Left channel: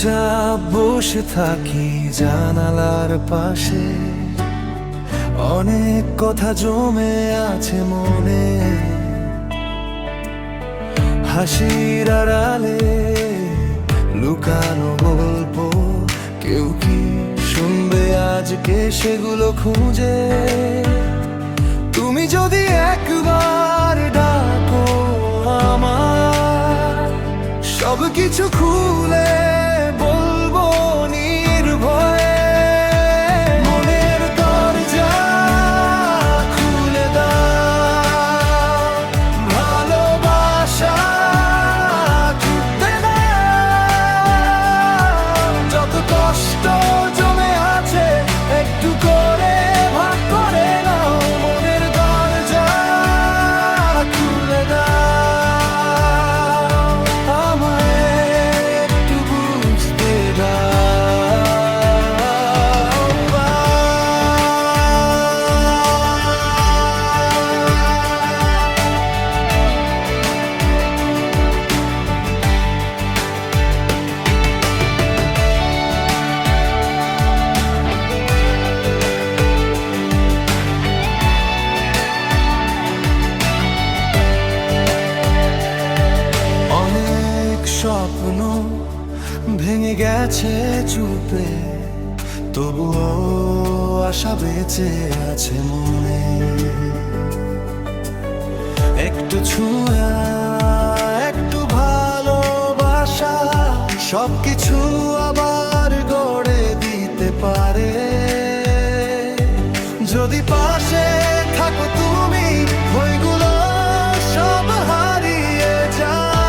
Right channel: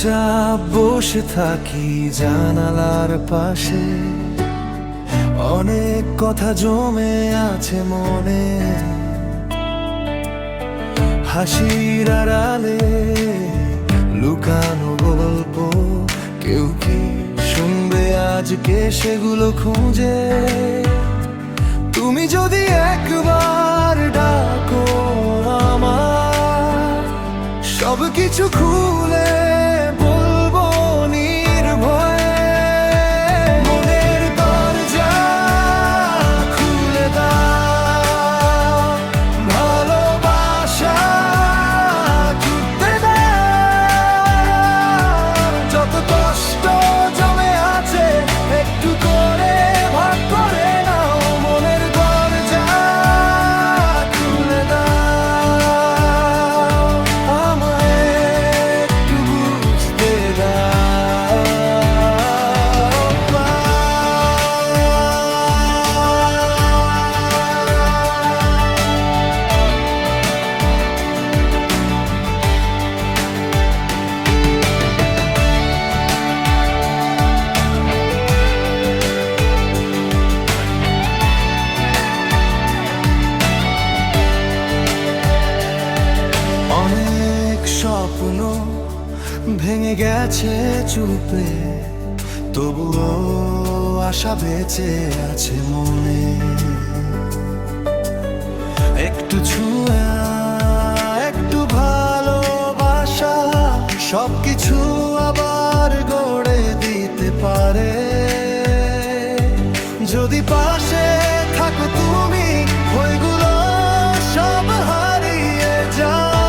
চুপচাপ বসে থাকি জানালার পাশে, অনেক কথা জমে আছে মনে। হাসির আড়ালে লুকানো গল্প, কেউ কি শুনবে আজকে সেগুলো খুঁজে? তুমি যদি একবার ডাকো আমার, সব কিছু খুলে বলবো নির্ভয়ে। মনের দরজা খুলে দাও, ভালোবাসা ছুটতে দাও। যত কষ্ট জমে আছে একটু করে ভাগ করে নাও। মনের দরজা খুলে দাও, আমায় একটু বুঝতে দাও। অনেক স্বপ্ন ভেঙে গেছে চুপে, তবুও আশা বেঁচে আছে মনে। একটু ছুঁয়া, একটু ভালোবাসা, সবকিছু আবার গড়ে দিতে পারে। যদি পাশে থাকো তুমি, ওইগুলো সব হারিয়ে যায়।